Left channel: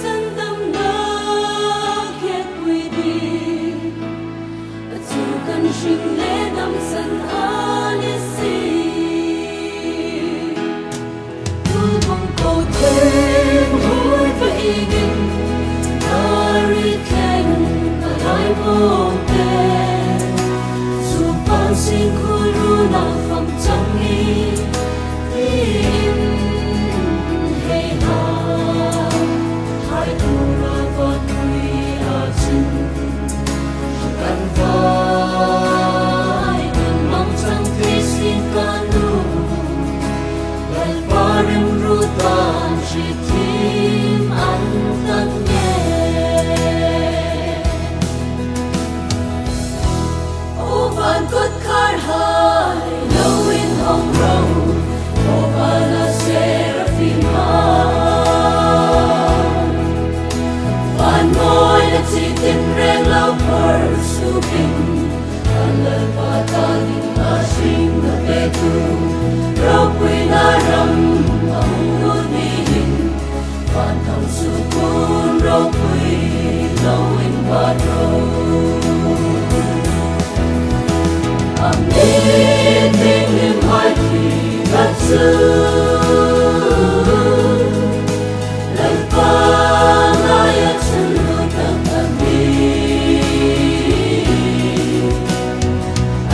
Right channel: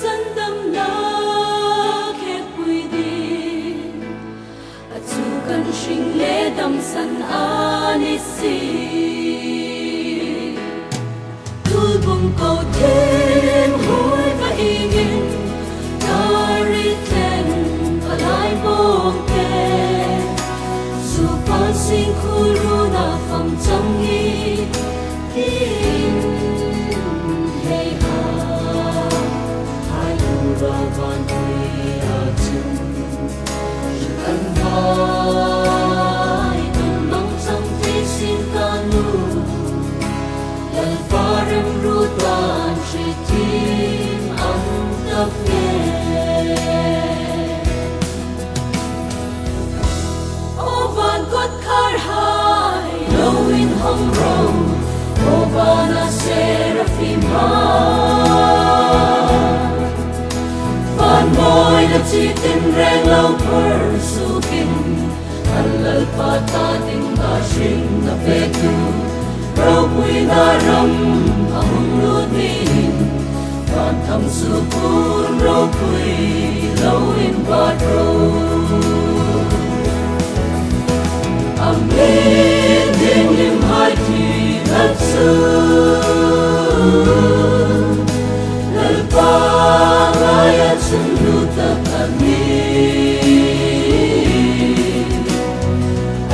sandam na khet pui di atu kan shing le dam san ani si tu bong ko tim hui va igin dari teng va lai bong te su pan sing khuru na pham chang hi hey ha hai tu ra van pui a chim shi kan vai kan mang sang te sin kanu lal parem rutan shi tim an tap nge o van kot khar hai lo in home road Ovana Seraphim ha Van boy na chitin reng lau persukin Alal pata ding a shring na petu Rau pui na ram ahung nutin Van thang sukun rau pui lau in padro Amin ding lim hai ti Natsu Lalpangaya Chandutak Amin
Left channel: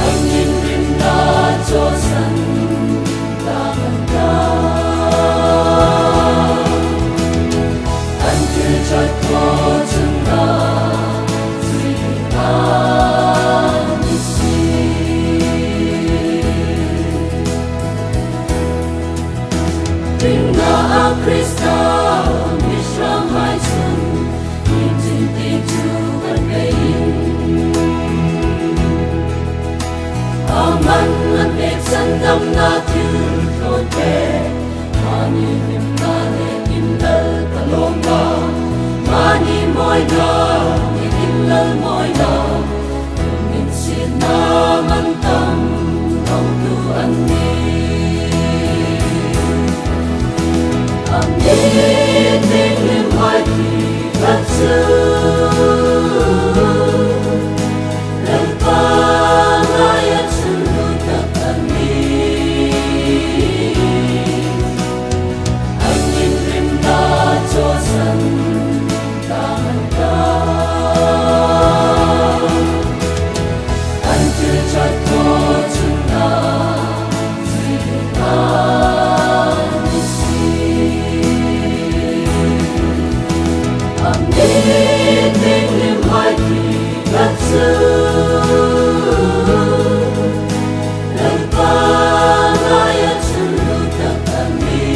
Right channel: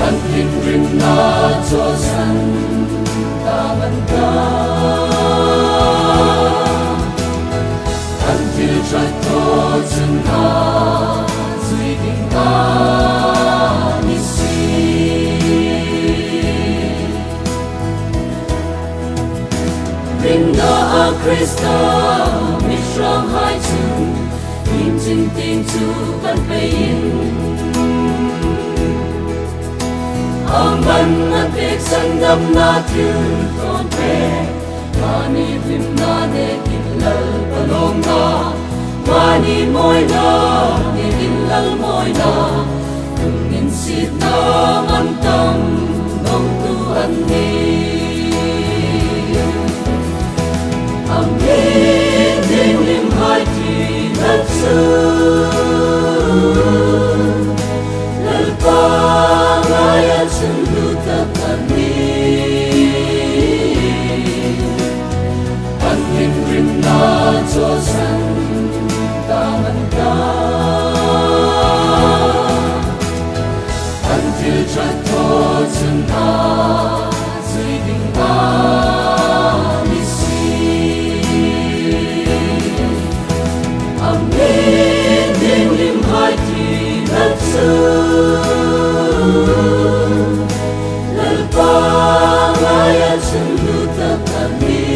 Agning Rimna Josan Tamanda Until Jatko Chana Ziding Ring na a Krista Mishram hai chung Yin ching ting chu ban vein Aman at vek sandam na til ton pe Mani lim na ne kim lal palong na Mani moy na ne kim lal moy na Tungin sit na man tam nong tu an ni Amin ding lim hai ti natsu Lalpangaya chandutak amin Agning rim na josan tamanda Until jatko chuna ziding Amin ding lim hai ti natsu Lalpangaya chandutak amin